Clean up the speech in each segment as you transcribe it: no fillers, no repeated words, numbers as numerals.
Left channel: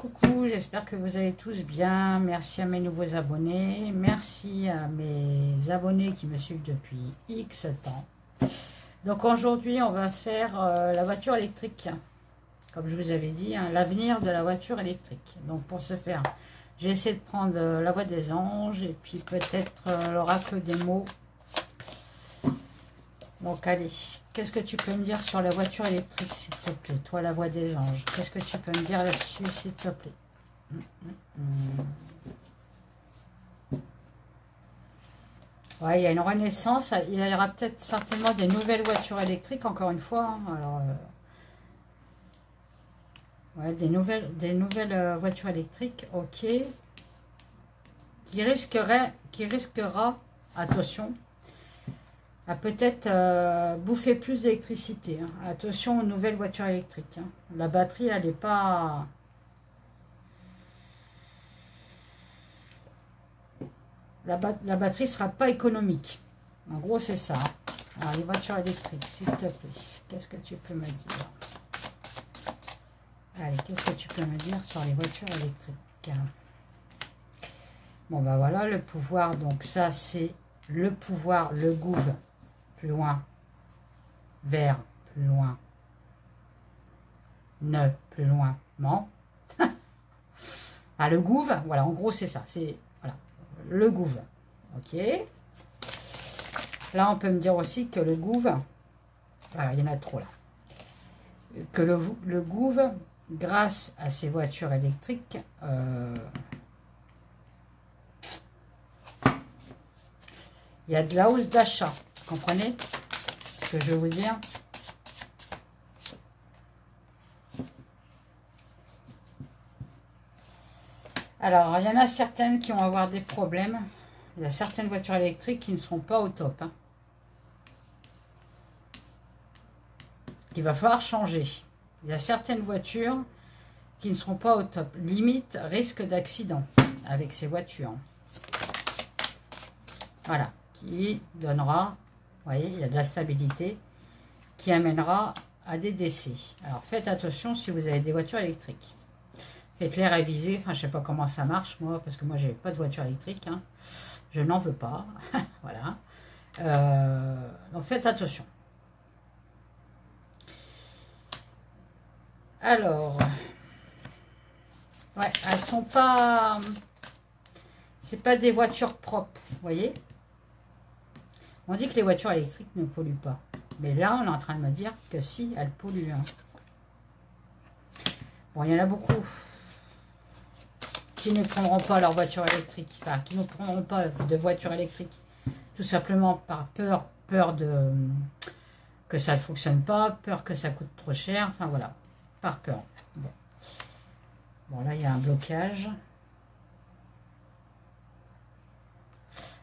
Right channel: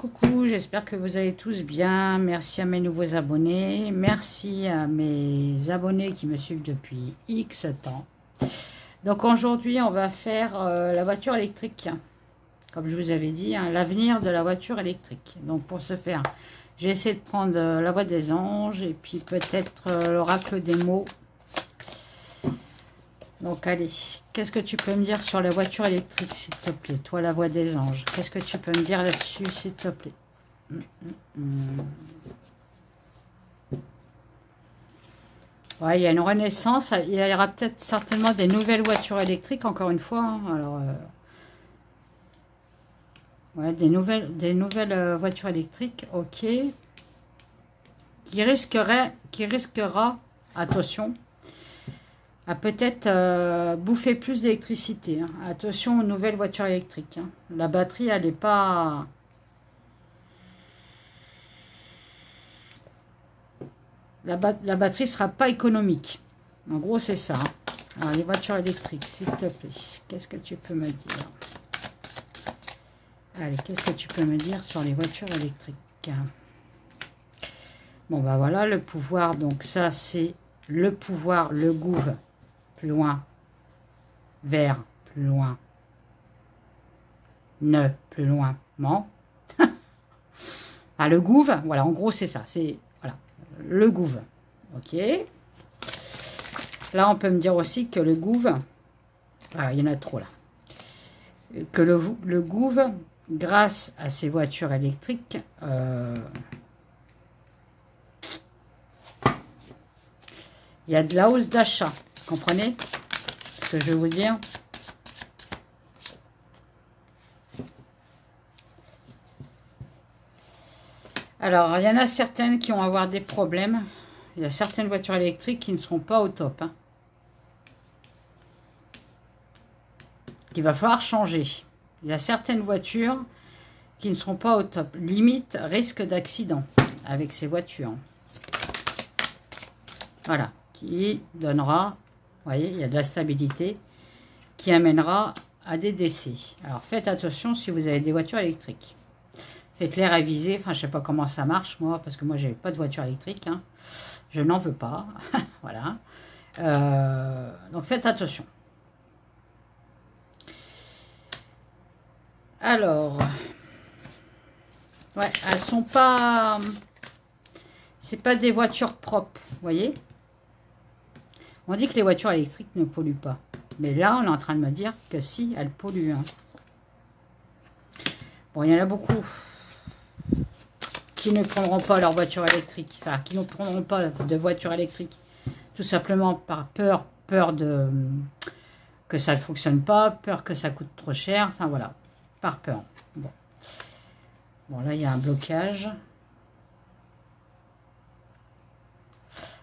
coucou, j'espère que vous allez tous bien. Merci à mes nouveaux abonnés. Merci à mes abonnés qui me suivent depuis X temps. Donc aujourd'hui, on va faire la voiture électrique. Comme je vous avais dit, hein, l'avenir de la voiture électrique. Donc pour ce faire, j'ai essayé de prendre la voix des anges et puis peut-être l'oracle des mots. Donc allez, qu'est-ce que tu peux me dire sur la voiture électrique, s'il te plaît? Toi, la voix des anges, qu'est-ce que tu peux me dire là-dessus, s'il te plaît? Ouais, il y a une renaissance. Il y aura peut-être certainement des nouvelles voitures électriques, encore une fois. Hein. Alors, ouais, des nouvelles voitures électriques, ok. Qui risquera, attention, à peut-être bouffer plus d'électricité. Hein. Attention aux nouvelles voitures électriques. Hein. La batterie, elle n'est pas... La batterie ne sera pas économique. En gros, c'est ça. Hein. Alors, les voitures électriques, s'il te plaît. Qu'est-ce que tu peux me dire? Allez, qu'est-ce que tu peux me dire sur les voitures électriques? Bon, ben voilà, le pouvoir. Donc ça, c'est le pouvoir, le gouv. Plus loin, vers, plus loin, ne, plus loin, ment. Ah, le gouv, voilà, en gros, c'est ça, c'est, voilà, le gouv, ok. Là, on peut me dire aussi que le gouv, il y en a trop, là, que le gouv, grâce à ces voitures électriques, il y a de la hausse d'achat. Comprenez ce que je veux vous dire? Alors, il y en a certaines qui vont avoir des problèmes. Il y a certaines voitures électriques qui ne seront pas au top. Hein. Il va falloir changer. Il y a certaines voitures qui ne seront pas au top. Limite, risque d'accident avec ces voitures. Voilà, qui donnera... Vous voyez, il y a de la stabilité qui amènera à des décès. Alors, faites attention si vous avez des voitures électriques. Faites-les réviser. Enfin, je ne sais pas comment ça marche, moi, parce que moi, je n'ai pas de voiture électrique. Hein. Je n'en veux pas. Voilà. Donc, faites attention. Alors, ouais, elles sont pas... C'est pas des voitures propres, vous voyez? On dit que les voitures électriques ne polluent pas. Mais là, on est en train de me dire que si, elles polluent. Hein. Bon, il y en a beaucoup qui ne prendront pas leur voiture électrique. Enfin, qui ne prendront pas de voiture électrique. Tout simplement par peur de que ça ne fonctionne pas, peur que ça coûte trop cher. Enfin, voilà. Par peur. Bon, là, il y a un blocage.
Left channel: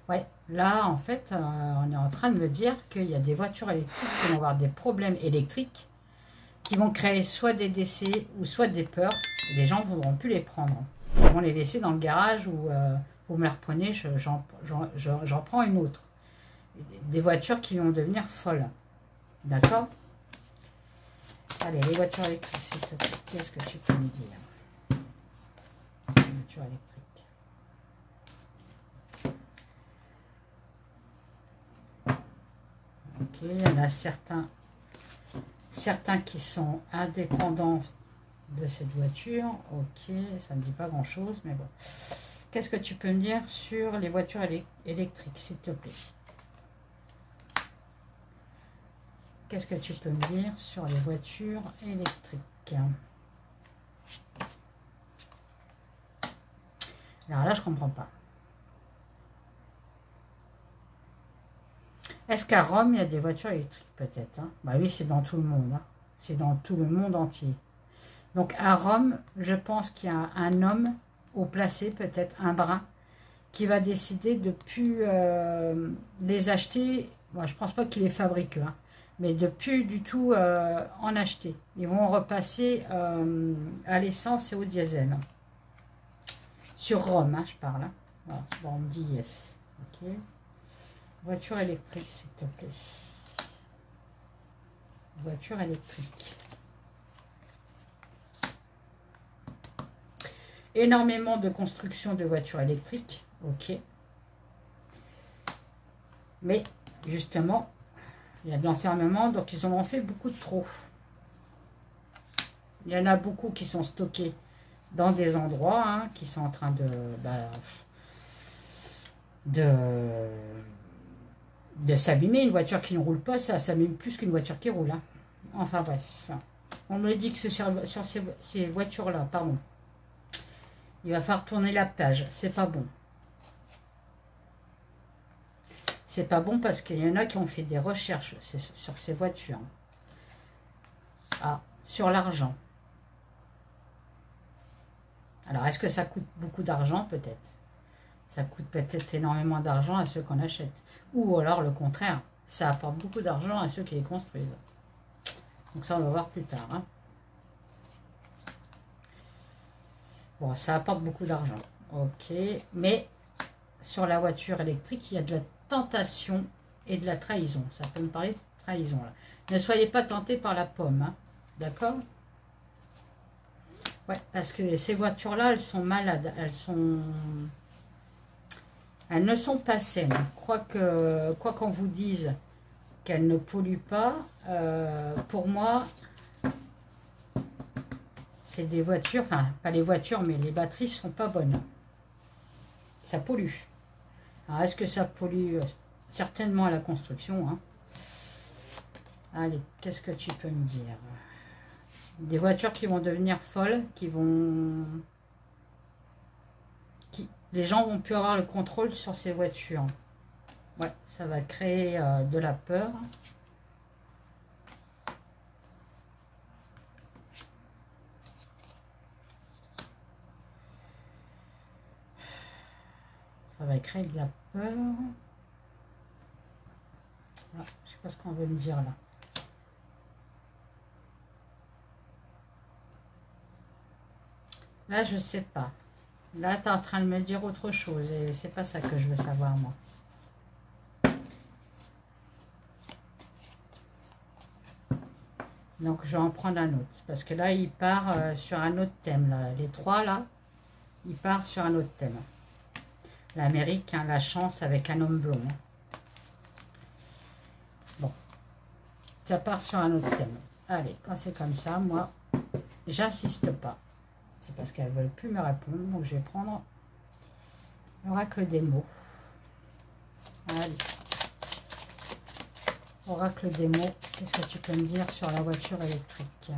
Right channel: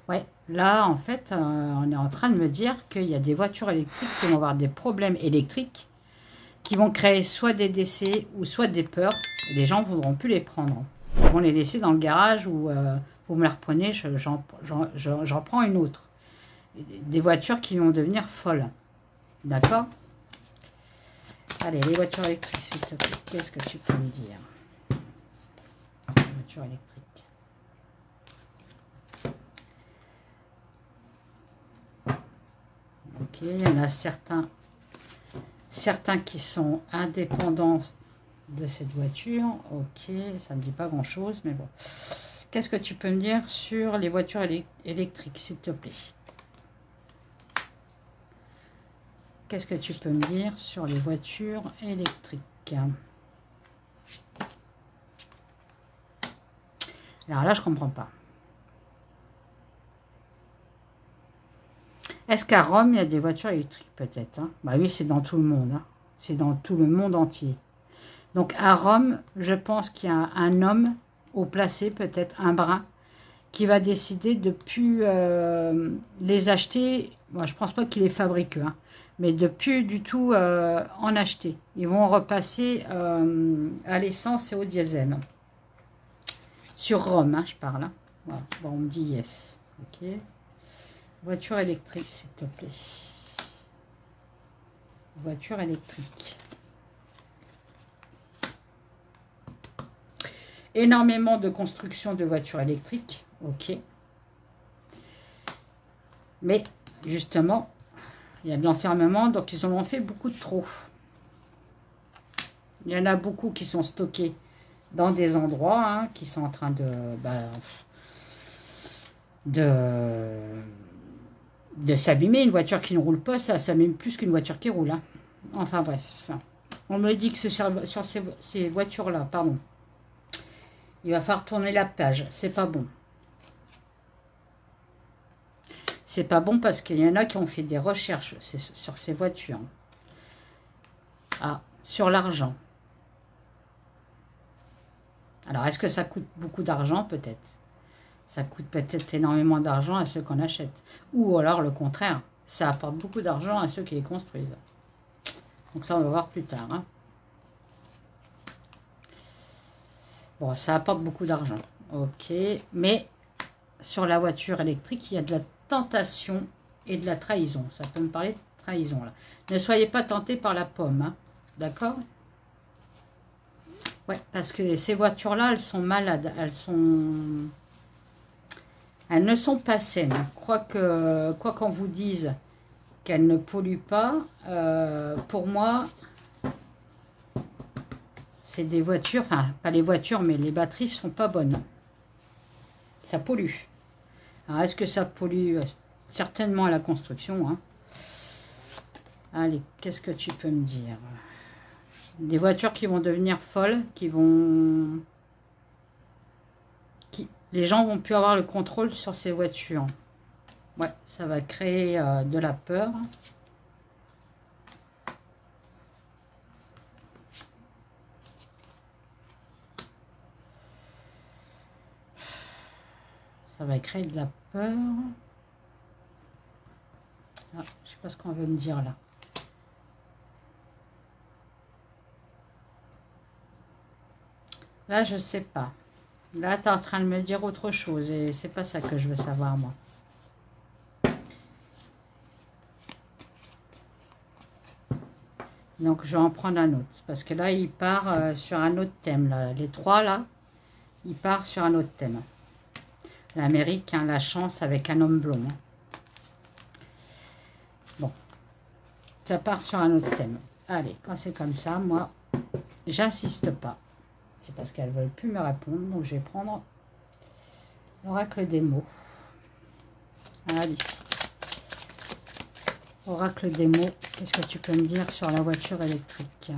Ouais, là, en fait, on est en train de me dire qu'il y a des voitures électriques qui vont avoir des problèmes électriques qui vont créer soit des décès ou soit des peurs. Et les gens ne voudront plus les prendre. Ils vont les laisser dans le garage ou vous me la reprenez, j'en prends une autre. Des voitures qui vont devenir folles. D'accord? Allez, les voitures électriques, s'il te plaît, qu'est-ce que tu peux me dire? Les voitures électriques. Ok, il y en a certains qui sont indépendants de cette voiture. Ok, ça ne me dit pas grand-chose, mais bon. Qu'est-ce que tu peux me dire sur les voitures électriques, s'il te plaît? Qu'est-ce que tu peux me dire sur les voitures électriques? Alors là, je ne comprends pas. Est-ce qu'à Rome, il y a des voitures électriques? Peut-être. Hein. Bah oui, c'est dans tout le monde. Hein. C'est dans tout le monde entier. Donc à Rome, je pense qu'il y a un homme haut placé, peut-être un brun, qui va décider de ne plus les acheter. Moi, je ne pense pas qu'il les fabrique, hein, mais de plus du tout en acheter. Ils vont repasser à l'essence et au diesel. Sur Rome, hein, je parle. Hein. Bon, on me dit yes. Ok. Voiture électrique, s'il te plaît. Voiture électrique. énormément de construction de voitures électriques, ok. Mais justement, il y a de l'enfermement, donc ils en ont fait beaucoup de trop. Il y en a beaucoup qui sont stockés dans des endroits, hein, qui sont en train de s'abîmer. Une voiture qui ne roule pas, ça s'abîme plus qu'une voiture qui roule. Hein. Enfin bref. On me dit que sur ces voitures-là, pardon, il va falloir tourner la page. C'est pas bon. C'est pas bon parce qu'il y en a qui ont fait des recherches sur ces voitures. Ah, sur l'argent. Alors, est-ce que ça coûte beaucoup d'argent? Peut-être. Ça coûte peut-être énormément d'argent à ceux qu'on achète. Ou alors, le contraire, ça apporte beaucoup d'argent à ceux qui les construisent. Donc ça, on va voir plus tard. Hein. Bon, ça apporte beaucoup d'argent. Ok. Mais sur la voiture électrique, il y a de la tentation et de la trahison. Ça peut me parler de trahison, là. Ne soyez pas tentés par la pomme. Hein. D'accord? Ouais, parce que ces voitures-là, elles sont malades. Elles ne sont pas saines. Quoi qu'on vous dise qu'elles ne polluent pas, pour moi, c'est des voitures, enfin, pas les voitures, mais les batteries ne sont pas bonnes. Ça pollue. Alors, est-ce que ça pollue? Certainement à la construction. Hein. Allez, qu'est-ce que tu peux me dire? Des voitures qui vont devenir folles, les gens vont plus avoir le contrôle sur ces voitures. Ouais, ça va créer de la peur. Ça va créer de la peur. Ah, je sais pas ce qu'on veut me dire là. Là, je sais pas. Là, tu es en train de me dire autre chose et c'est pas ça que je veux savoir, moi. Donc, je vais en prendre un autre. Parce que là, il part sur un autre thème. Là. Les trois, là, il part sur un autre thème. L'Amérique, hein, la chance avec un homme blond. Hein. Bon. Ça part sur un autre thème. Allez, quand c'est comme ça, moi, j'insiste pas. C'est parce qu'elles ne veulent plus me répondre. Donc, je vais prendre l'oracle des mots. Allez. Oracle des mots. Qu'est-ce que tu peux me dire sur la voiture électrique?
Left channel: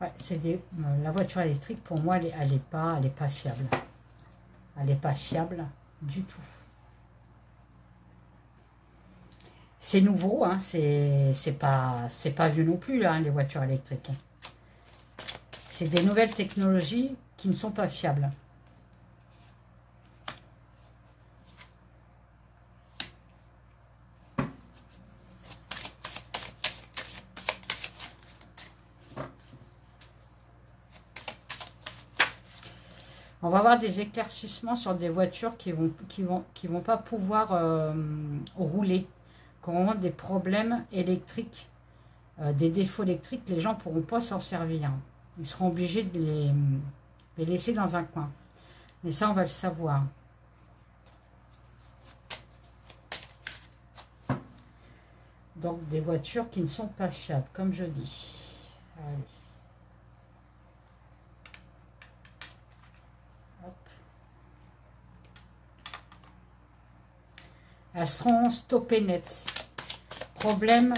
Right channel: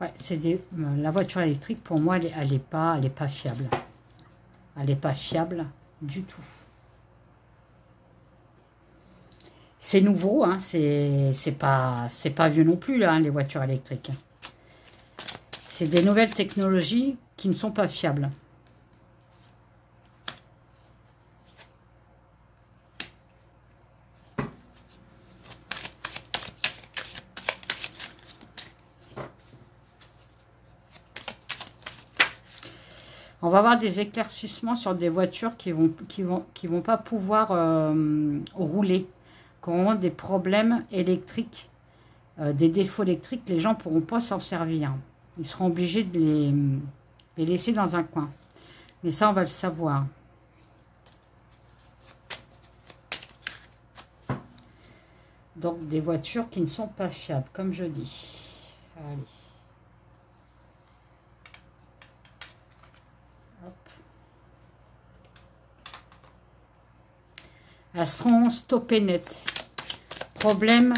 Ouais, la voiture électrique, pour moi, elle est pas fiable. Elle n'est pas fiable du tout. C'est nouveau, hein, c'est pas vieux non plus, là, hein, les voitures électriques. C'est des nouvelles technologies qui ne sont pas fiables. On va avoir des éclaircissements sur des voitures qui vont pas pouvoir rouler, qui auront des problèmes électriques, des défauts électriques. Les gens ne pourront pas s'en servir. Ils seront obligés de les laisser dans un coin. Mais ça, on va le savoir. Donc, des voitures qui ne sont pas fiables, comme je dis. Allez. Elles seront stoppées net. Problème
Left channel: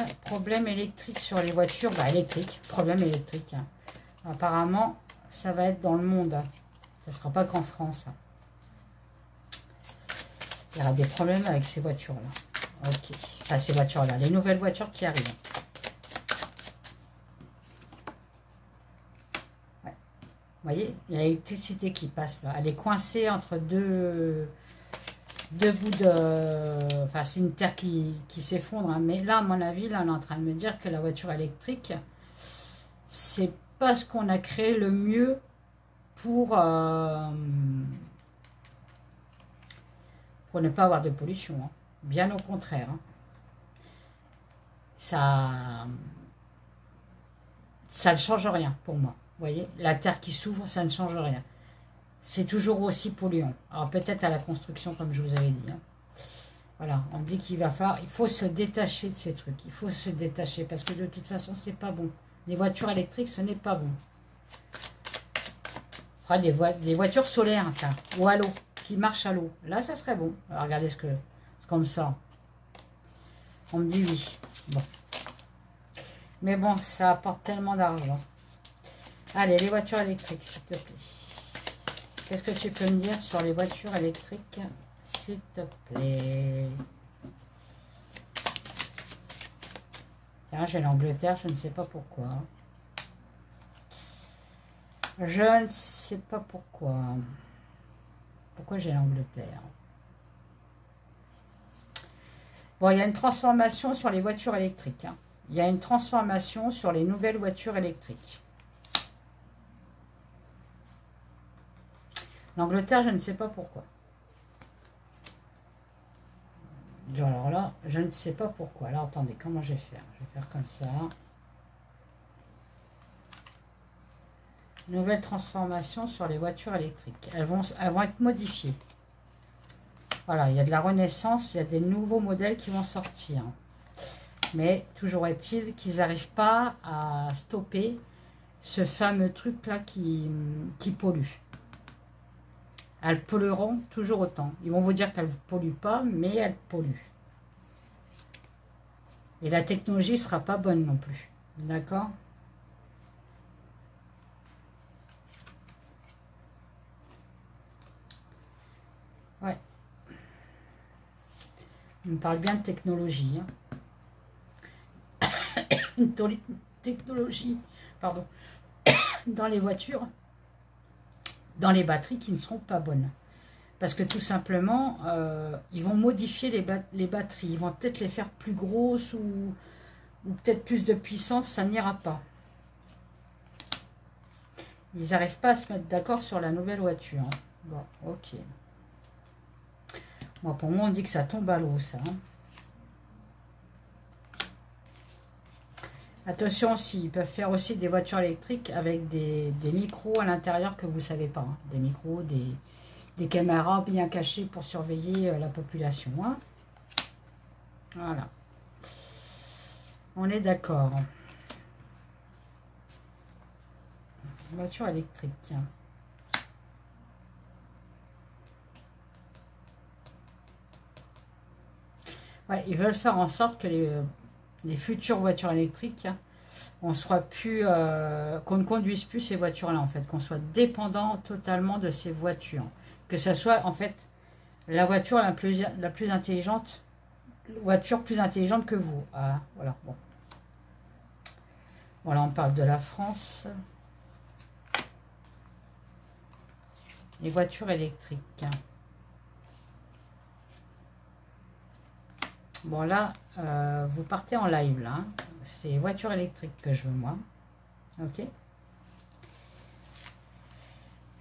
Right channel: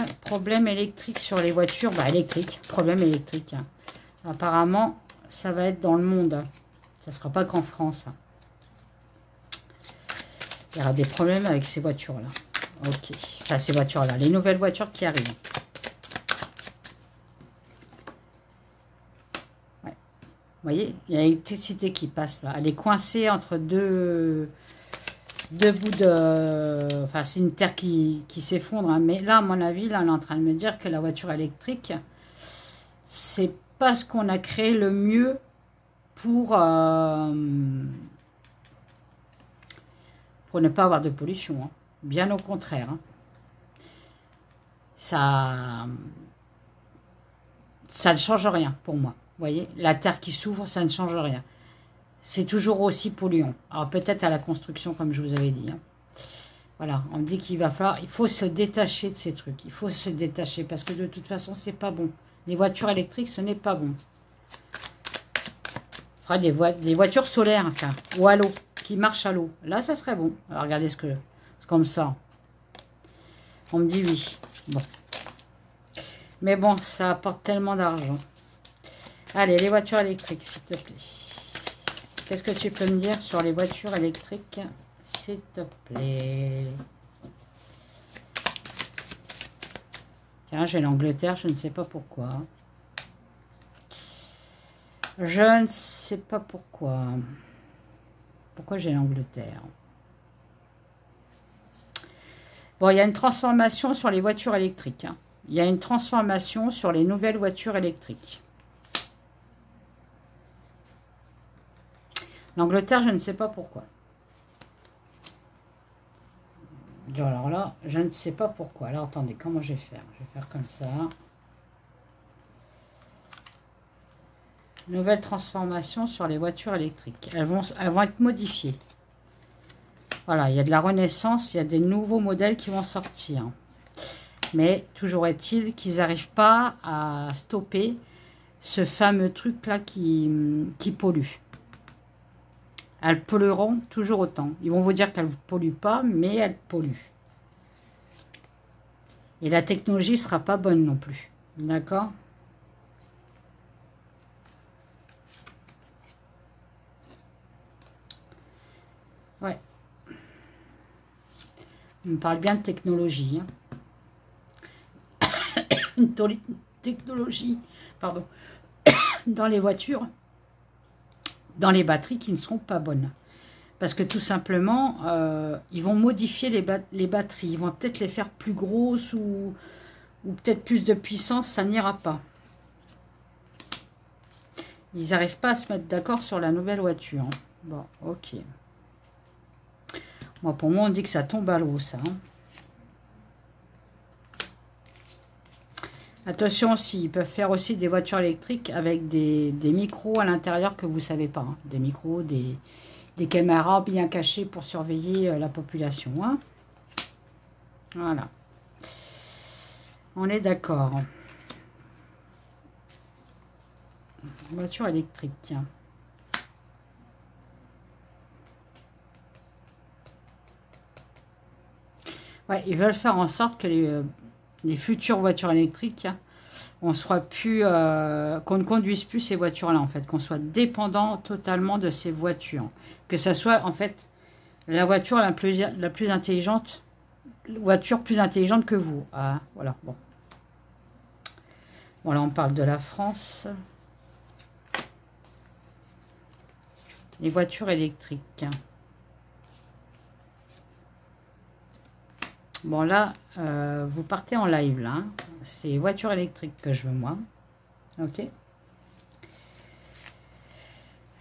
électrique sur les voitures. Bah, problème électrique. Hein. Apparemment, ça va être dans le monde. Hein. Ça ne sera pas qu'en France. Hein. Il y aura des problèmes avec ces voitures-là. Ok. Enfin, ces voitures-là. Les nouvelles voitures qui arrivent. Ouais. Vous voyez, il y a l'électricité qui passe là. Elle est coincée entre deux bouts de... Enfin, c'est une terre qui s'effondre. Hein. Mais là, à mon avis, là, on est en train de me dire que la voiture électrique, c'est pas ce qu'on a créé le mieux pour ne pas avoir de pollution. Hein. Bien au contraire. Hein. Ça ne change rien pour moi. Vous voyez, la terre qui s'ouvre, ça ne change rien. C'est toujours aussi polluant. Alors peut-être à la construction, comme je vous avais dit. Hein. Voilà, on me dit qu'il va falloir, il faut se détacher de ces trucs. Il faut se détacher parce que de toute façon, c'est pas bon. Les voitures électriques, ce n'est pas bon. On fera des voitures solaires, enfin, ou à l'eau, qui marchent à l'eau. Là, ça serait bon. Alors regardez ce que, c'est comme ça. On me dit oui. Bon. Mais bon, ça apporte tellement d'argent. Allez, les voitures électriques, s'il te plaît. Qu'est-ce que tu peux me dire sur les voitures électriques, s'il te plaît? Tiens, j'ai l'Angleterre, je ne sais pas pourquoi. Je ne sais pas pourquoi. Pourquoi j'ai l'Angleterre? Bon, il y a une transformation sur les voitures électriques. Hein. Il y a une transformation sur les nouvelles voitures électriques. L'Angleterre, je ne sais pas pourquoi. Alors là, je ne sais pas pourquoi. Alors attendez, comment je vais faire? Je vais faire comme ça. Nouvelle transformation sur les voitures électriques. Elles vont être modifiées. Voilà, il y a de la renaissance, il y a des nouveaux modèles qui vont sortir. Mais toujours est-il qu'ils n'arrivent pas à stopper ce fameux truc-là qui pollue. Elles pollueront toujours autant. Ils vont vous dire qu'elles ne polluent pas, mais elles polluent. Et la technologie ne sera pas bonne non plus. D'accord? Ouais. On parle bien de technologie. Hein. Une technologie, pardon, dans les voitures, dans les batteries qui ne seront pas bonnes. Parce que tout simplement, ils vont modifier les batteries. Ils vont peut-être les faire plus grosses ou peut-être plus de puissance, ça n'ira pas. Ils n'arrivent pas à se mettre d'accord sur la nouvelle voiture. Hein. Bon, ok. Bon, pour moi, on dit que ça tombe à l'eau, ça. Hein. Attention aussi, ils peuvent faire aussi des voitures électriques avec des micros à l'intérieur que vous ne savez pas. Hein. Des micros, des caméras bien cachées pour surveiller la population. Hein. Voilà. On est d'accord. Voiture électrique. Ouais, ils veulent faire en sorte que les futures voitures électriques, on soit plus, qu'on ne conduise plus ces voitures-là, en fait, qu'on soit dépendant totalement de ces voitures. Que ça soit, en fait, la voiture la plus intelligente, voiture plus intelligente que vous. Ah, voilà, bon. Voilà, on parle de la France. Les voitures électriques. Bon, là, vous partez en live, là. Hein. C'est voiture électrique que je veux, moi. Ok.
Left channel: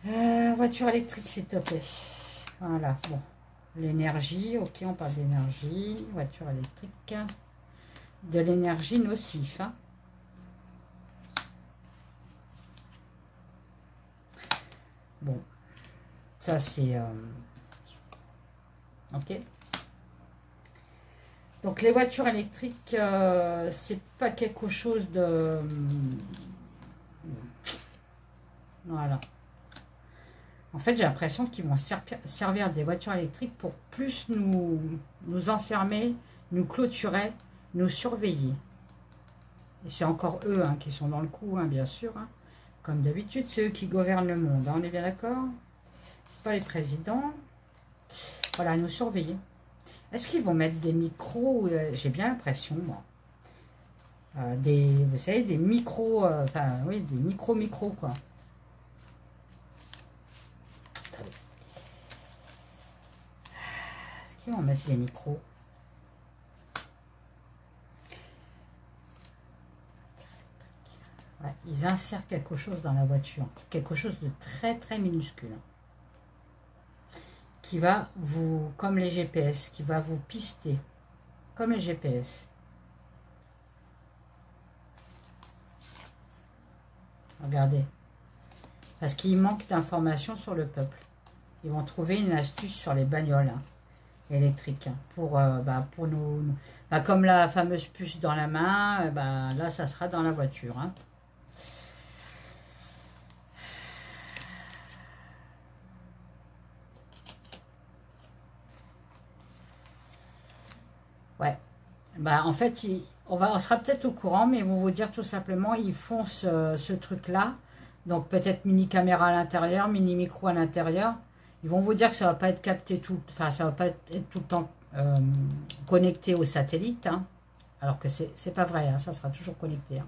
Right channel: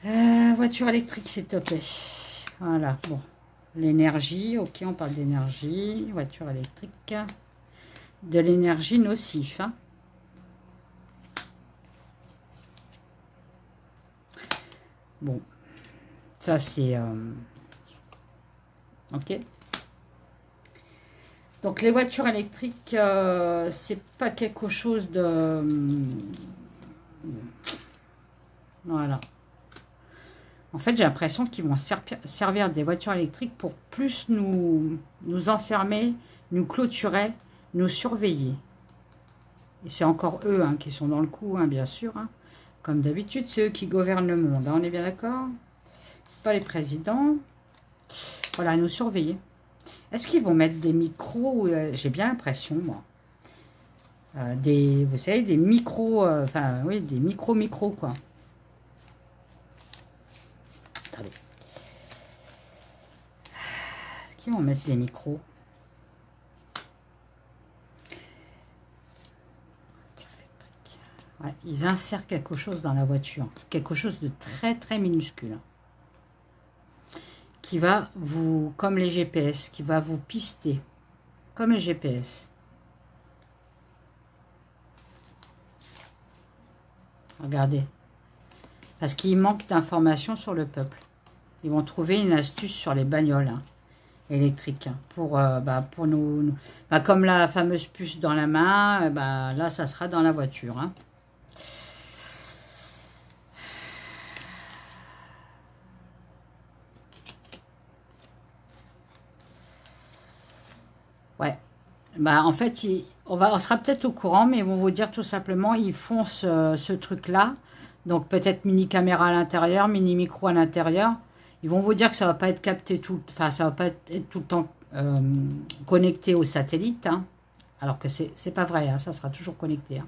Voiture électrique, s'il te plaît. Voilà, bon. L'énergie, ok, on parle d'énergie. Voiture électrique. De l'énergie nocif, hein. Bon. Ça, c'est... ok. Donc, les voitures électriques, c'est pas quelque chose de... Voilà. En fait, j'ai l'impression qu'ils vont servir des voitures électriques pour plus nous enfermer, nous clôturer, nous surveiller. Et c'est encore eux hein, qui sont dans le coup, hein, bien sûr. Hein. Comme d'habitude, c'est eux qui gouvernent le monde. Hein, on est bien d'accord? Pas les présidents. Voilà, nous surveiller. Est-ce qu'ils vont mettre des micros? J'ai bien l'impression, moi. Vous savez, des micros, enfin, oui, des micros, quoi. Attendez. Est-ce qu'ils vont mettre des micros? Ouais, ils insèrent quelque chose dans la voiture. Quelque chose de très, très minuscule. qui va vous, comme les GPS, qui va vous pister, comme les GPS. Regardez. Parce qu'il manque d'informations sur le peuple. Ils vont trouver une astuce sur les bagnoles électriques. Pour nous, comme la fameuse puce dans la main, là, ça sera dans la voiture. Hein. Ouais. En fait, on sera peut-être au courant, mais ils vont vous dire tout simplement, ils font ce truc-là. Donc peut-être mini caméra à l'intérieur, mini micro à l'intérieur. Ils vont vous dire que ça va pas être capté ça va pas être tout le temps connecté au satellite. Hein, alors que c'est pas vrai, hein, ça sera toujours connecté. Hein.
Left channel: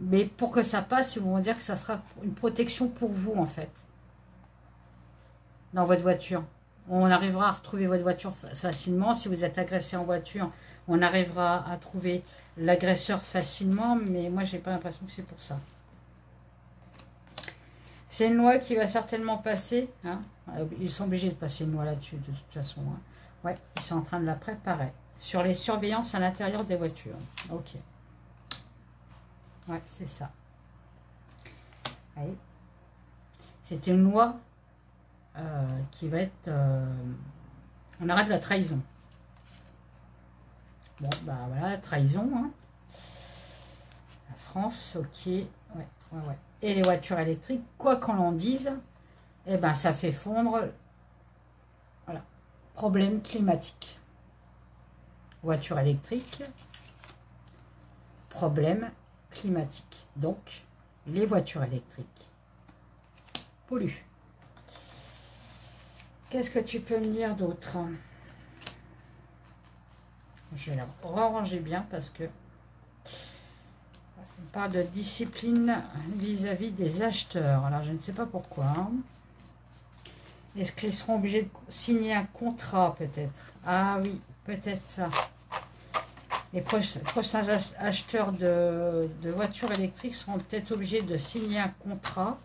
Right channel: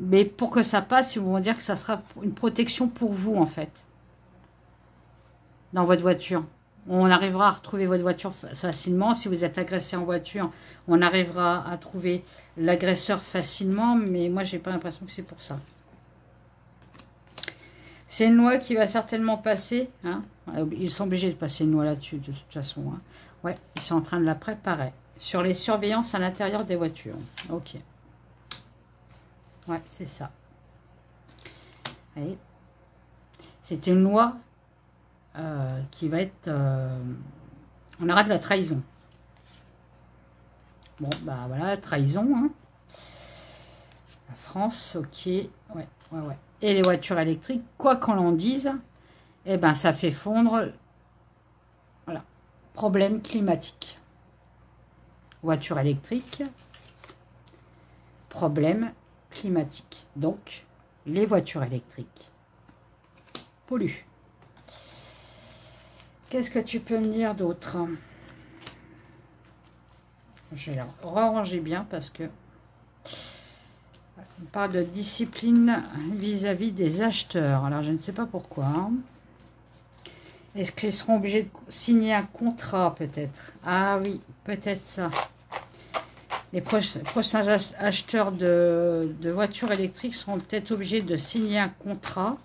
Mais pour que ça passe, ils vont vous dire que ça sera une protection pour vous en fait. Dans votre voiture. On arrivera à retrouver votre voiture facilement. Si vous êtes agressé en voiture, on arrivera à trouver l'agresseur facilement. Mais moi, j'ai pas l'impression que c'est pour ça. C'est une loi qui va certainement passer. Hein. Ils sont obligés de passer une loi là-dessus, de toute façon. Hein. Ouais, ils sont en train de la préparer. Sur les surveillances à l'intérieur des voitures. Ok. Ouais, c'est ça. C'est une loi qui va être... on arrête la trahison. Bon, voilà, trahison. Hein. La France, ok. Ouais. Et les voitures électriques, quoi qu'on en dise, ça fait fondre. Voilà. Problème climatique. Voiture électrique. Problème climatique. Donc, les voitures électriques polluent. Qu'est-ce que tu peux me dire d'autre? Je vais la ranger bien parce que on parle de discipline vis-à-vis des acheteurs. Alors, je ne sais pas pourquoi. Hein. Est-ce qu'ils seront obligés de signer un contrat, peut-être? Ah oui, peut-être ça. Les prochains acheteurs de voitures électriques seront peut-être obligés de signer un contrat.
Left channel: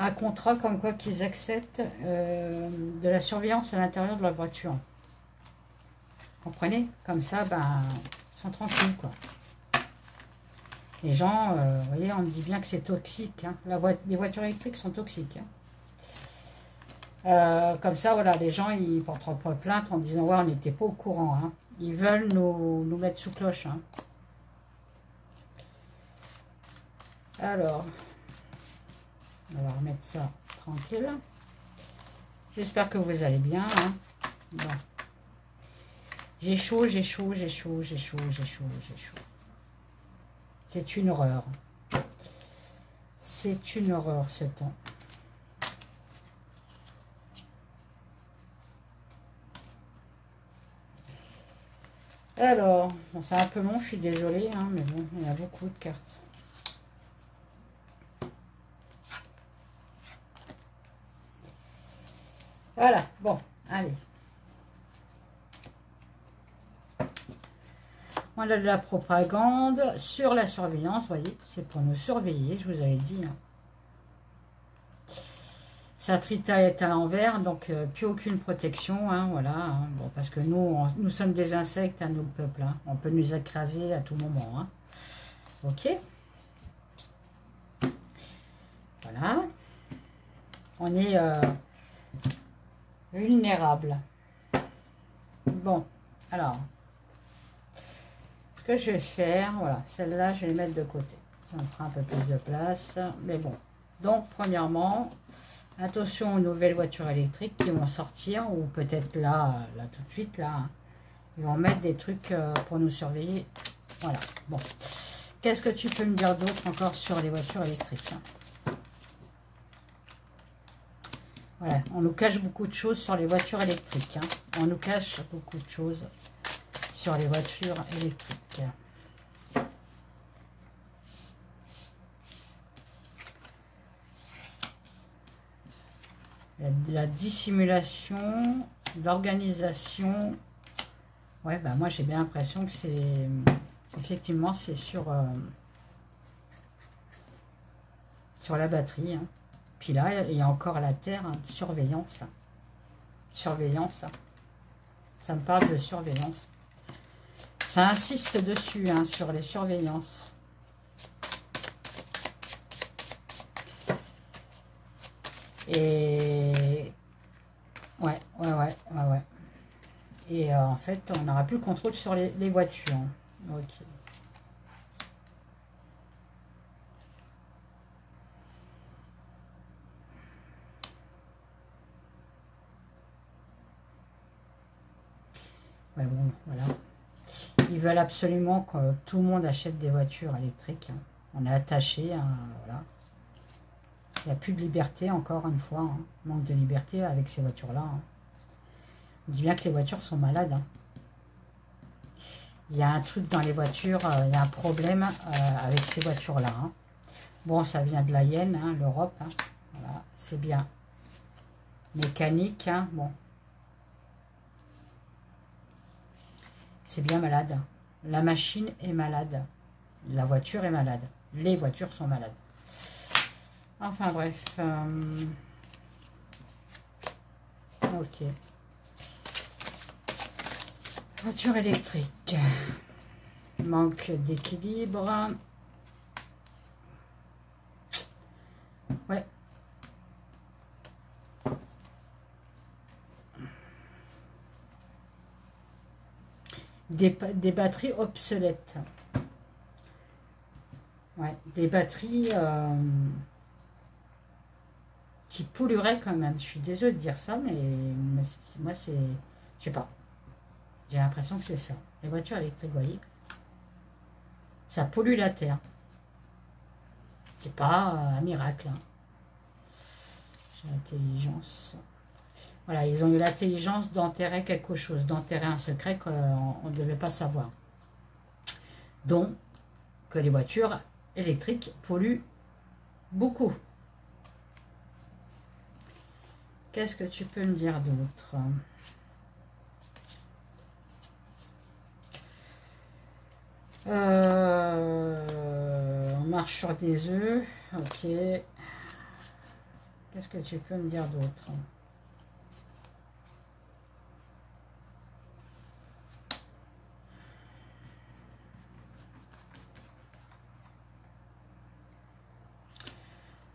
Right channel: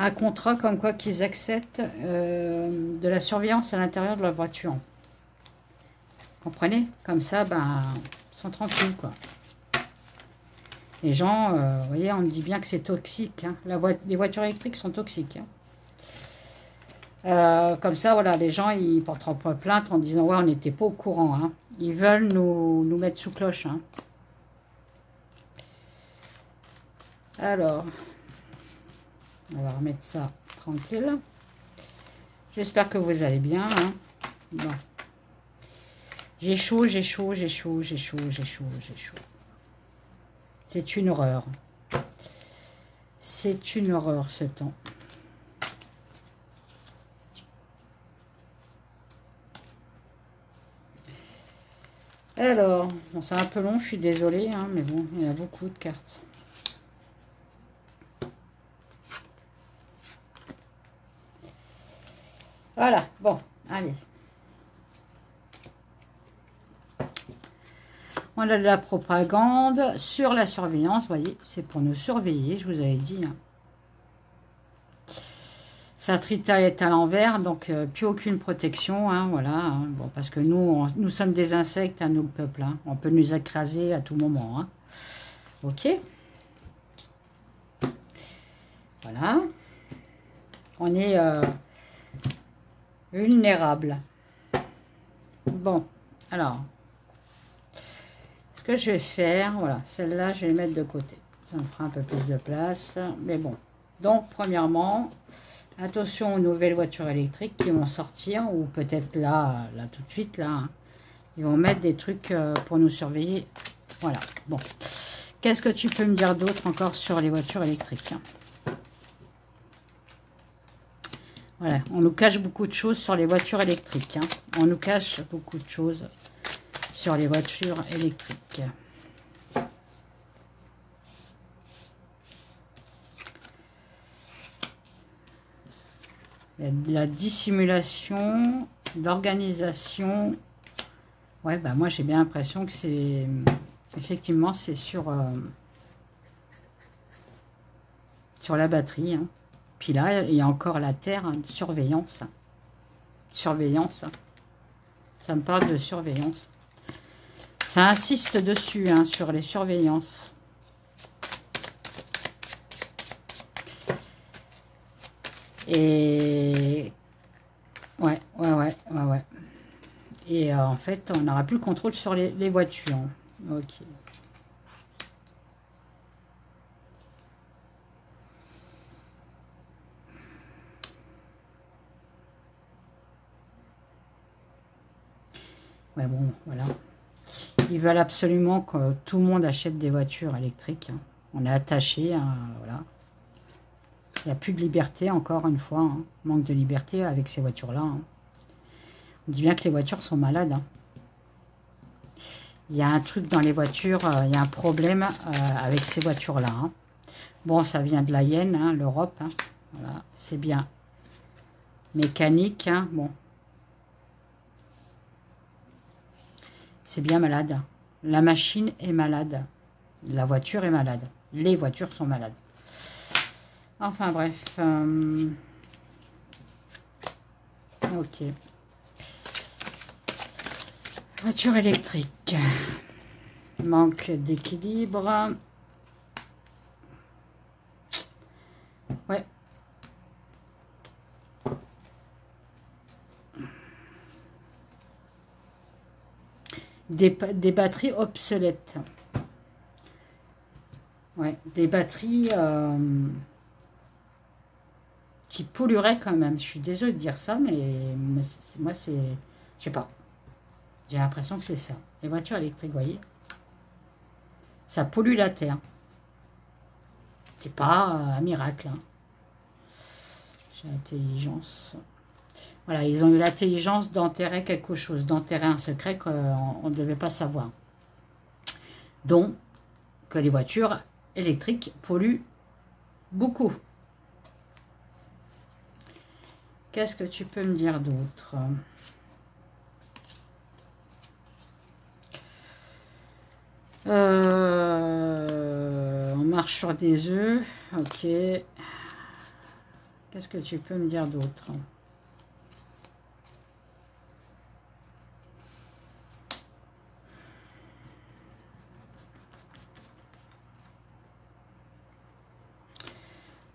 Un contrat comme quoi qu'ils acceptent de la surveillance à l'intérieur de leur voiture. Vous comprenez? Comme ça, ils sont tranquilles, quoi. Les gens, vous voyez, on me dit bien que c'est toxique. Hein. Les voitures électriques sont toxiques. Hein. Comme ça, voilà, les gens, ils porteront pas plainte en disant, ouais, on n'était pas au courant. Hein. Ils veulent nous mettre sous cloche. Hein. Alors, on va remettre ça tranquille. J'espère que vous allez bien. Hein. Bon. J'ai chaud, j'ai chaud, j'ai chaud, j'ai chaud, j'ai chaud, j'ai chaud. C'est une horreur. C'est une horreur ce temps. Alors, bon, c'est un peu long, je suis désolée, hein, mais bon, il y a beaucoup de cartes. Voilà, bon, allez. On a de la propagande sur la surveillance, vous voyez, c'est pour nous surveiller, je vous avais dit. Hein. Satrita est à l'envers, donc plus aucune protection, hein, voilà. Hein, bon, parce que nous sommes des insectes, à nous, le peuple. Hein, on peut nous écraser à tout moment. Hein. Ok. Voilà. On est vulnérable. Bon, alors... Ce que je vais faire, voilà, celle-là, je vais les mettre de côté. Ça me fera un peu plus de place. Mais bon. Donc, premièrement, attention aux nouvelles voitures électriques qui vont sortir. Ou peut-être là tout de suite, là. Hein. Ils vont mettre des trucs pour nous surveiller. Voilà. Bon. Qu'est-ce que tu peux me dire d'autre encore sur les voitures électriques? Hein? Voilà. On nous cache beaucoup de choses sur les voitures électriques. Hein. On nous cache beaucoup de choses sur les voitures électriques. La dissimulation, l'organisation. Ouais, moi j'ai bien l'impression que c'est... Effectivement, c'est sur la batterie. Hein. Puis là, il y a encore la Terre, hein, de surveillance. Surveillance. Ça me parle de surveillance. Ça insiste dessus, hein, sur les surveillances. Et... Ouais. Et en fait, on n'aura plus le contrôle sur les voitures. Ok. Ouais, bon, voilà. Ils veulent absolument que tout le monde achète des voitures électriques. Hein. On est attaché, hein, voilà. Il n'y a plus de liberté, encore une fois. Hein. Manque de liberté avec ces voitures-là. Hein. On dit bien que les voitures sont malades. Hein. Il y a un truc dans les voitures, il y a un problème avec ces voitures-là. Hein. Bon, ça vient de la Hyène, hein, l'Europe. Hein. Voilà, c'est bien. Mécanique, hein, bon. C'est bien malade. La machine est malade. La voiture est malade. Les voitures sont malades. Enfin bref. Ok. Voiture électrique. Manque d'équilibre. Ouais. Des batteries obsolètes. Ouais, des batteries qui pollueraient quand même. Je suis désolée de dire ça, mais moi, c'est... Je sais pas. J'ai l'impression que c'est ça. Les voitures électriques, vous voyez, ça pollue la Terre. C'est pas un miracle. Hein. J'ai l'intelligence... Voilà, ils ont eu l'intelligence d'enterrer quelque chose, d'enterrer un secret qu'on ne devait pas savoir. Donc, que les voitures électriques polluent beaucoup. Qu'est-ce que tu peux me dire d'autre? On marche sur des œufs. Ok. Qu'est-ce que tu peux me dire d'autre?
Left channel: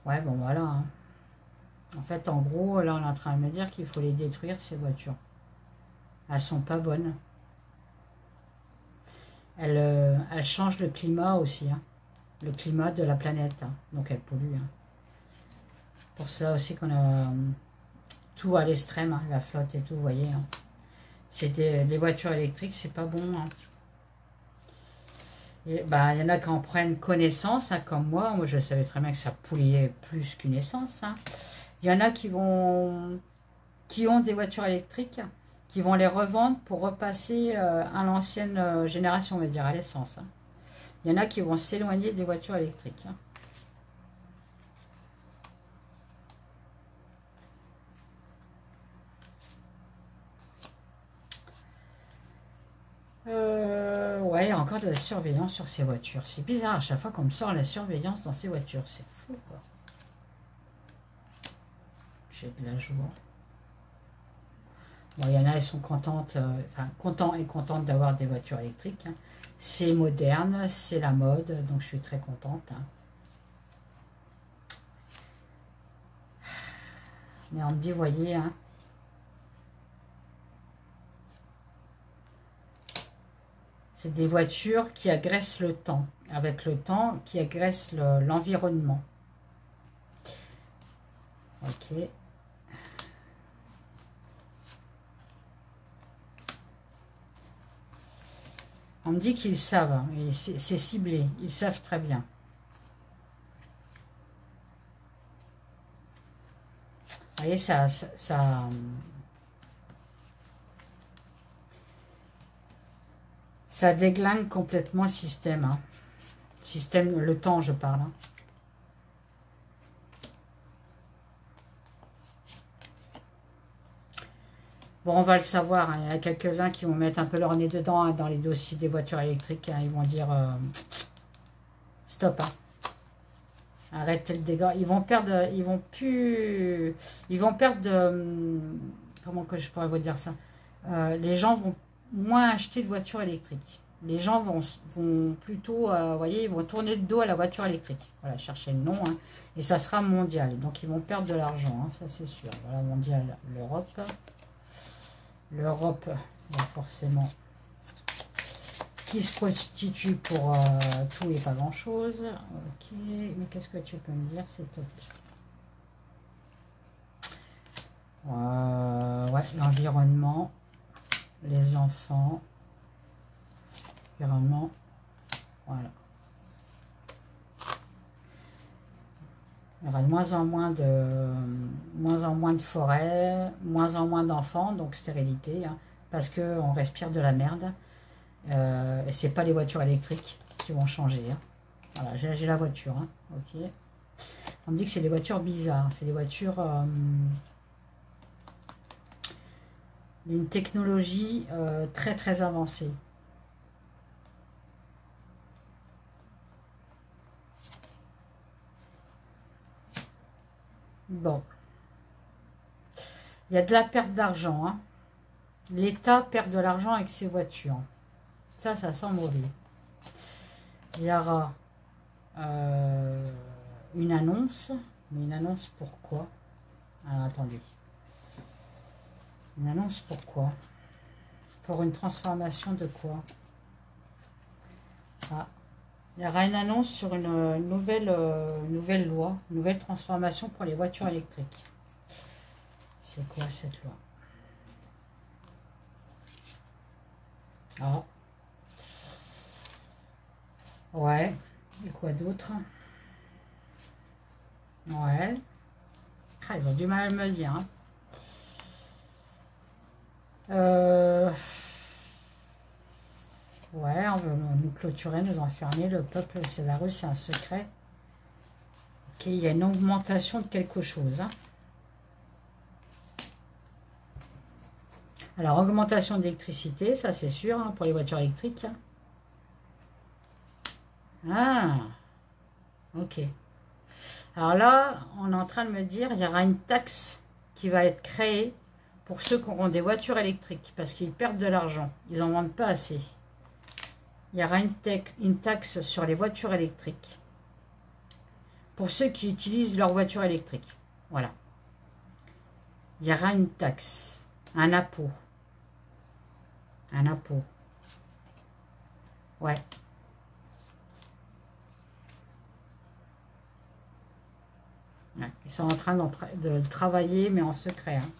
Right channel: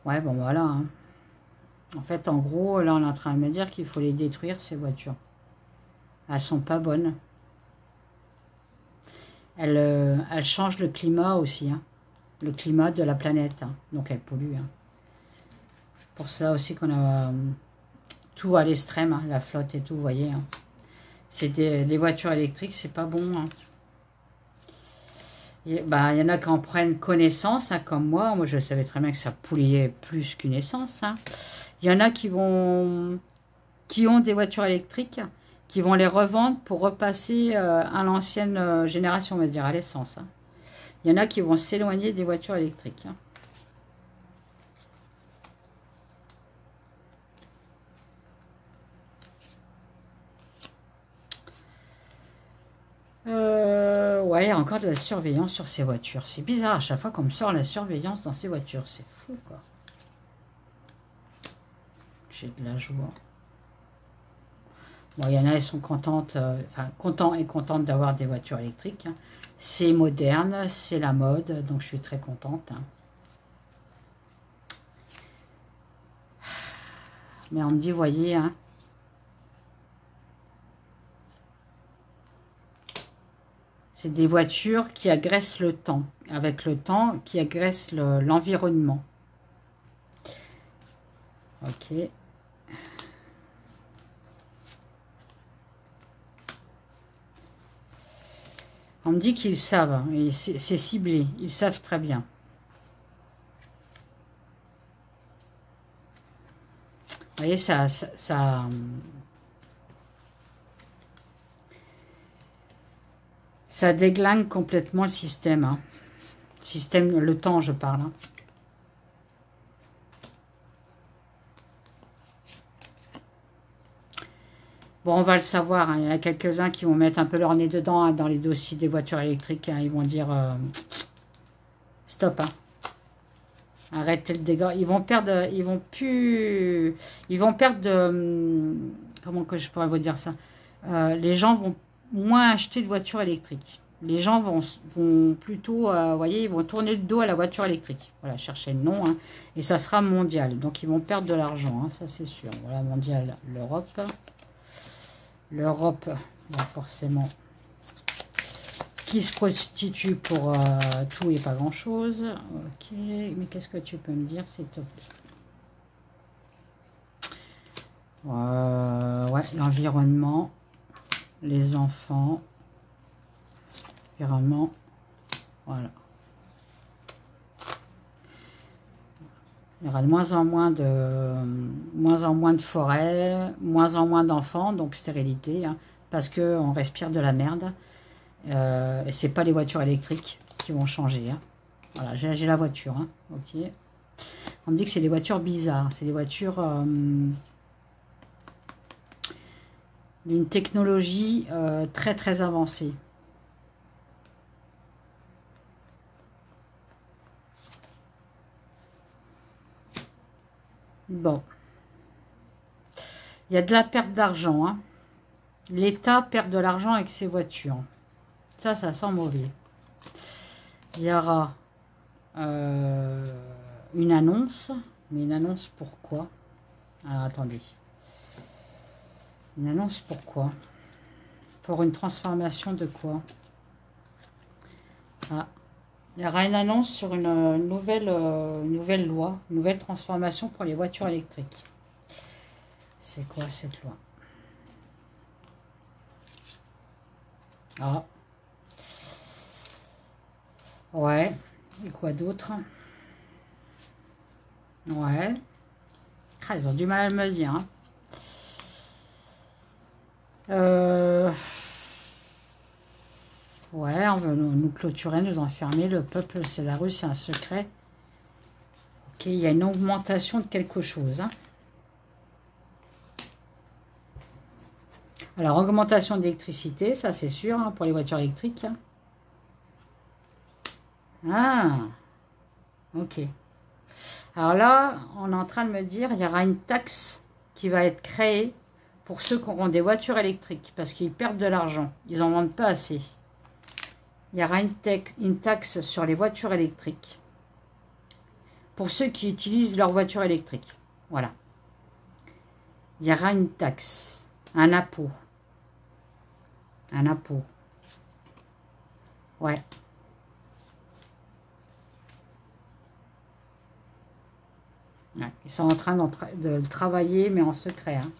Ouais, bon, voilà. Hein. En fait, en gros, là, on est en train de me dire qu'il faut les détruire, ces voitures. Elles sont pas bonnes. Elles changent le climat aussi. Hein. Le climat de la planète. Hein. Donc, elles polluent. Hein. Pour ça aussi qu'on a tout à l'extrême. Hein, la flotte et tout, vous voyez. Hein. Les voitures électriques, c'est pas bon. Hein. Bah, y en a qui en prennent connaissance, hein, comme moi. Moi, je savais très bien que ça polluait plus qu'une essence. Hein. Il y en a qui ont des voitures électriques, qui vont les revendre pour repasser à l'ancienne génération, on va dire, à l'essence. Hein. Il y en a qui vont s'éloigner des voitures électriques. Hein. Ouais, il y a encore de la surveillance sur ces voitures. C'est bizarre, à chaque fois qu'on me sort la surveillance dans ces voitures. C'est fou, quoi. J'ai de la joie. Bon, il y en a, elles sont contentes, contents et contentes d'avoir des voitures électriques. Hein. C'est moderne, c'est la mode, donc je suis très contente. Hein. Mais on me dit, voyez, hein, c'est des voitures qui agressent le temps, avec le temps, qui agressent l'environnement. Ok. On me dit qu'ils savent, hein, c'est ciblé, ils savent très bien. Vous voyez, ça déglingue complètement le système. Hein. Système, le temps, je parle. Hein. Bon, on va le savoir. Hein. Il y en a quelques-uns qui vont mettre un peu leur nez dedans hein, dans les dossiers des voitures électriques. Hein. Ils vont dire stop. Hein. Arrêtez le dégât. Ils vont perdre de... comment que je pourrais vous dire ça? Les gens vont moins acheter de voitures électriques. Les gens vont plutôt, vous voyez, ils vont tourner le dos à la voiture électrique. Voilà, cherchez le nom, hein, et ça sera mondial. Donc, ils vont perdre de l'argent, hein, ça c'est sûr. Voilà, mondial, l'Europe. L'Europe, forcément, qui se prostitue pour tout et pas grand-chose. Ok, mais qu'est-ce que tu peux me dire, s'il te plaît? Ouais, l'environnement, les enfants, environnement, voilà. Il y aura de moins en moins de forêts, moins en moins d'enfants, donc stérilité, hein, parce qu'on respire de la merde. Et c'est pas les voitures électriques qui vont changer. Hein. Voilà, j'ai la voiture. Hein, ok. On me dit que c'est des voitures bizarres. C'est des voitures d'une technologie très très avancée. Bon. Il y a de la perte d'argent. Hein. L'État perd de l'argent avec ses voitures. Ça sent mauvais. Il y aura une annonce. Mais une annonce pourquoi? Alors, attendez. Une annonce pourquoi? Pour une transformation de quoi? Ah. Il y aura une annonce sur une nouvelle loi, une nouvelle transformation pour les voitures électriques. C'est quoi cette loi? Ah. Ouais. Et quoi d'autre? Ouais. Ah, ils ont du mal à me le dire. Hein. Ouais, on veut nous clôturer, nous enfermer. Le peuple, c'est la rue, c'est un secret. Ok, il y a une augmentation de quelque chose. Hein. Alors, augmentation d'électricité, ça c'est sûr, hein, pour les voitures électriques. Hein. Ah, ok. Alors là, on est en train de me dire, il y aura une taxe qui va être créée pour ceux qui auront des voitures électriques, parce qu'ils perdent de l'argent. Ils n'en vendent pas assez. Il y aura une taxe sur les voitures électriques pour ceux qui utilisent leur voiture électrique. Voilà. Il y aura une taxe, un impôt. Un impôt. Ouais. Ils sont en train de le travailler, mais en secret. Hein.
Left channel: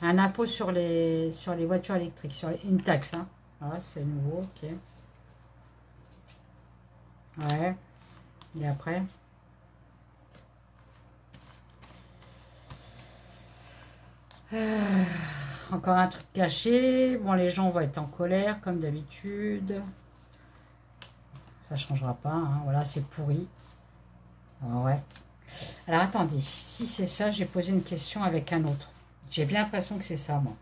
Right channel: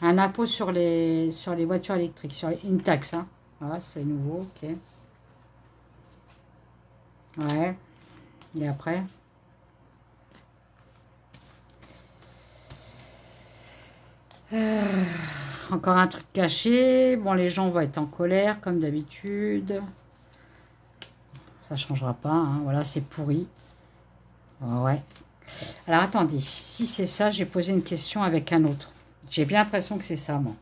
Un impôt sur les voitures électriques, une taxe. Hein. Voilà, c'est nouveau, ok. Ouais. Et après? Encore un truc caché. Bon, les gens vont être en colère, comme d'habitude. Ça ne changera pas. Hein. Voilà, c'est pourri. Ouais. Alors, attendez. Si c'est ça, j'ai posé une question avec un autre. J'ai bien l'impression que c'est ça, moi.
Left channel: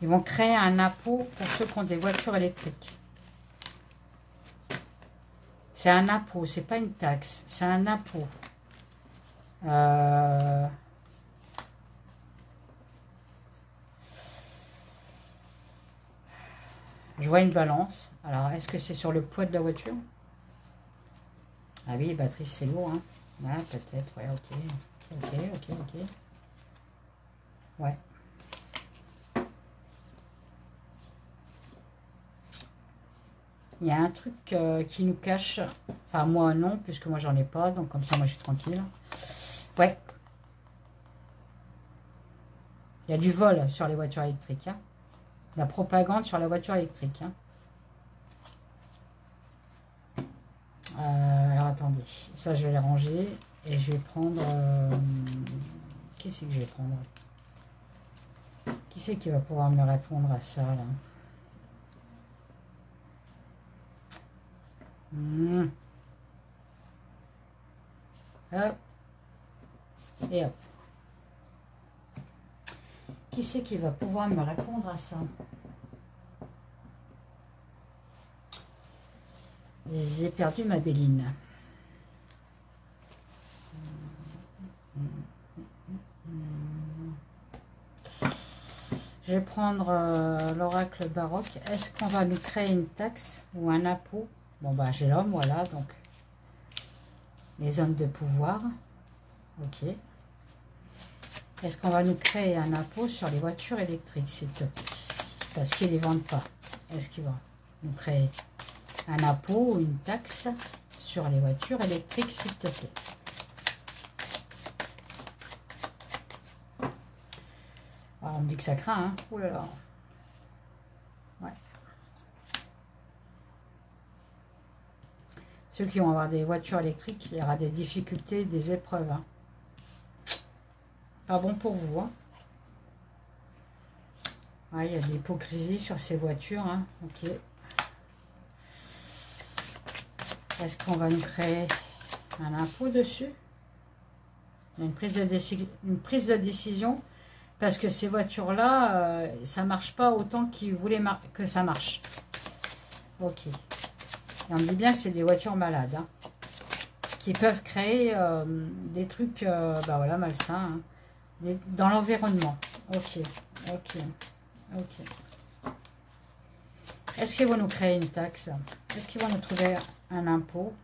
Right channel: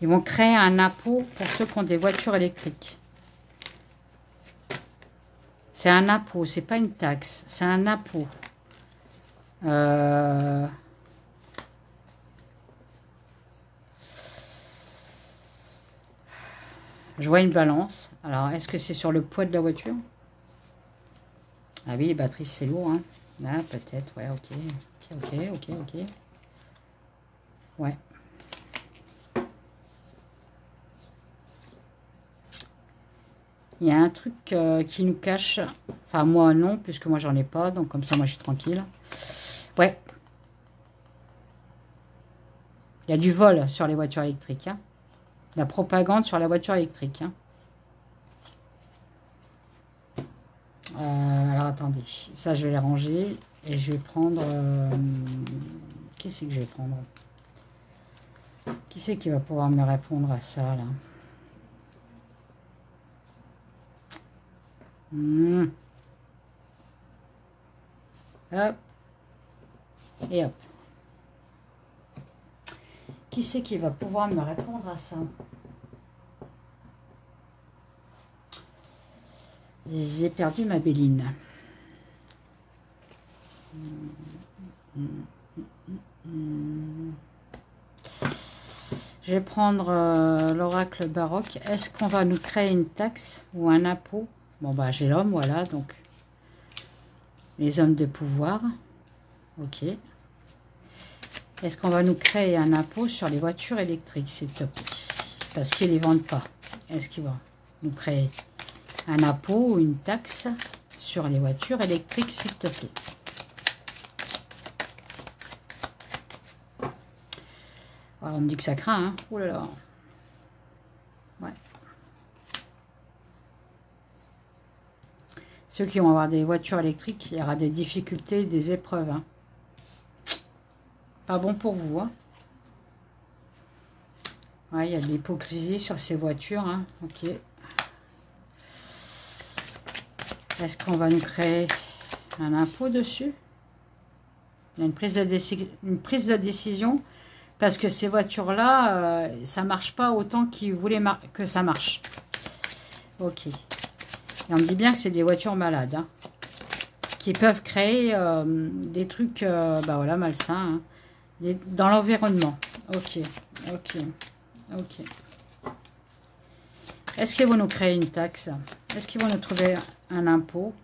Ils vont créer un impôt pour ceux qui ont des voitures électriques. C'est un impôt, c'est pas une taxe. C'est un impôt. Je vois une balance. Alors, est-ce que c'est sur le poids de la voiture? Ah oui, les batteries, c'est lourd. Hein. Ah, peut-être, ouais, ok. Ouais. Il y a un truc qui nous cache. Enfin, moi, non, puisque moi, j'en ai pas. Donc, comme ça, moi, je suis tranquille. Ouais. Il y a du vol sur les voitures électriques. Hein. La propagande sur la voiture électrique. Hein. Alors, attendez. Ça, je vais les ranger. Et je vais prendre... qui c'est que je vais prendre? Qui c'est qui va pouvoir me répondre à ça, là? Hop. Et hop. Qui c'est qui va pouvoir me répondre à ça? J'ai perdu ma Béline. prendre l'oracle baroque. Est-ce qu'on va nous créer une taxe ou un impôt? Bon, bah, j'ai l'homme, voilà, donc les hommes de pouvoir. Ok. Est-ce qu'on va nous créer un impôt sur les voitures électriques, s'il te plaît? Parce qu'ils ne les vendent pas. Est-ce qu'ils vont nous créer un impôt ou une taxe sur les voitures électriques, s'il te plaît? Ah, on me dit que ça craint, hein. Ouh là là. Ouais. Ceux qui vont avoir des voitures électriques, il y aura des difficultés, des épreuves, hein. Pas bon pour vous, hein. Ouais, il y a de l'hypocrisie sur ces voitures, hein. Ok. Est-ce qu'on va nous créer un impôt dessus? Il y a une prise de décision parce que ces voitures-là, ça marche pas autant qu'ils voulaient que ça marche. Ok. Et on me dit bien que c'est des voitures malades, hein, qui peuvent créer des trucs, bah voilà, malsains, hein, dans l'environnement. Ok, ok, ok. Est-ce qu'ils vont nous créer une taxe? Est-ce qu'ils vont nous trouver un impôt?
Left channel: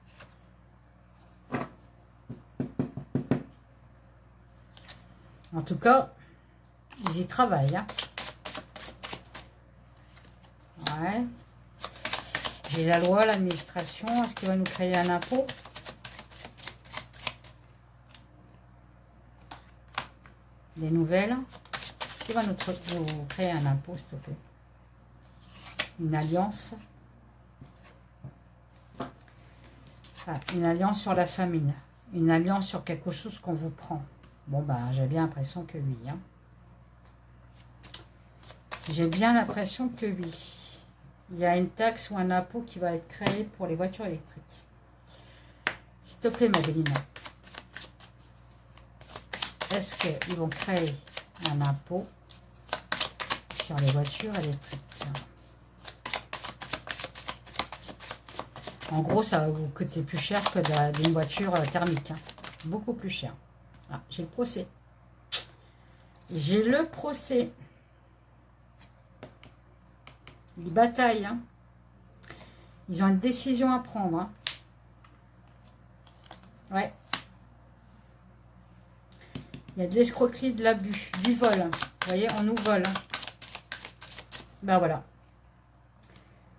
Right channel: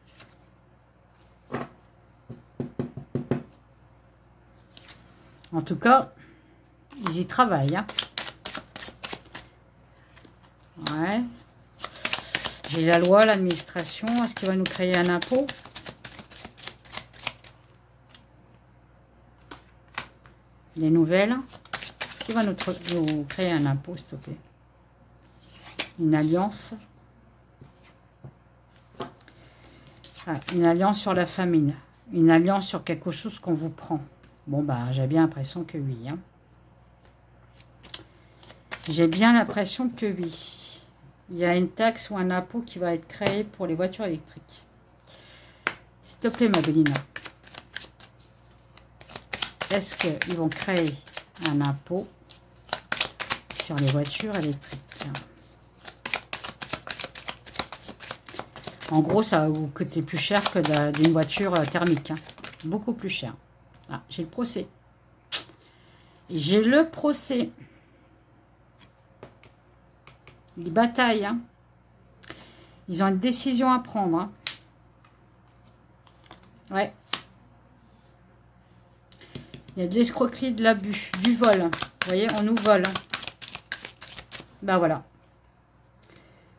En tout cas, ils y travaillent, hein. Ouais. J'ai la loi, l'administration. Est-ce qu'il va nous créer un impôt? Des nouvelles. Est-ce qu'il va nous créer un impôt, s'il te plaît? Une alliance. Ah, une alliance sur la famine. Une alliance sur quelque chose qu'on vous prend. Bon, bah, j'ai bien l'impression que oui, hein. J'ai bien l'impression que oui. Il y a une taxe ou un impôt qui va être créé pour les voitures électriques. S'il te plaît, ma Bélina. Est-ce qu'ils vont créer un impôt sur les voitures électriques? En gros, ça va vous coûter plus cher que d'une voiture thermique, hein. Beaucoup plus cher. Ah, j'ai le procès. J'ai le procès. Ils bataillent, hein. Ils ont une décision à prendre, hein. Ouais. Il y a de l'escroquerie, de l'abus, du vol. Vous voyez, on nous vole. Ben voilà.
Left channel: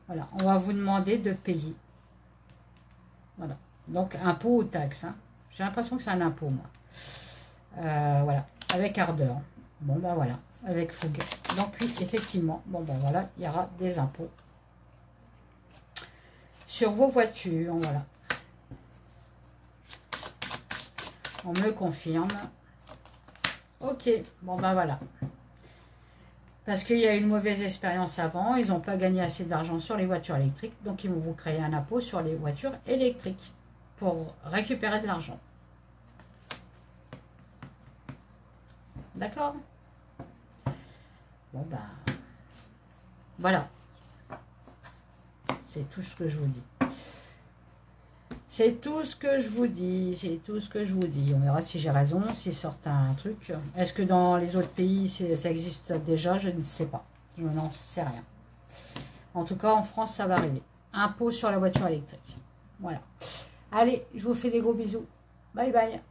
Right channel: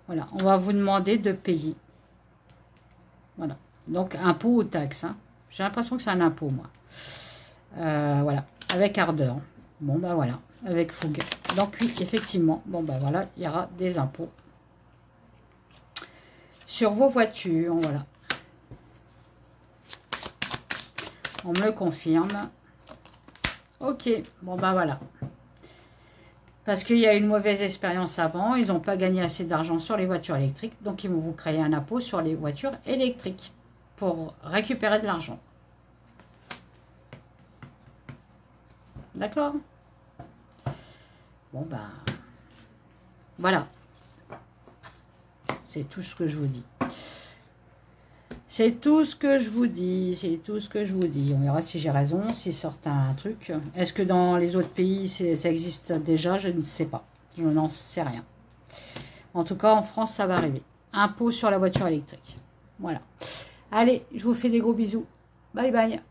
Voilà, on va vous demander de payer. Voilà. Donc, impôt ou taxe, hein. J'ai l'impression que c'est un impôt, moi. Voilà, avec ardeur. Bon, ben voilà, avec fougue. Donc, oui, effectivement, bon, ben voilà, il y aura des impôts sur vos voitures, voilà. On me le confirme. Ok, bon, ben voilà. Parce qu'il y a eu une mauvaise expérience avant, ils n'ont pas gagné assez d'argent sur les voitures électriques, donc ils vont vous créer un impôt sur les voitures électriques pour récupérer de l'argent. D'accord? Bon, ben, voilà. C'est tout ce que je vous dis. C'est tout ce que je vous dis. C'est tout ce que je vous dis. On verra si j'ai raison, s'ils sortent un truc. Est-ce que dans les autres pays, ça existe déjà? Je ne sais pas. Je n'en sais rien. En tout cas, en France, ça va arriver. Impôt sur la voiture électrique. Voilà. Allez, je vous fais des gros bisous. Bye bye.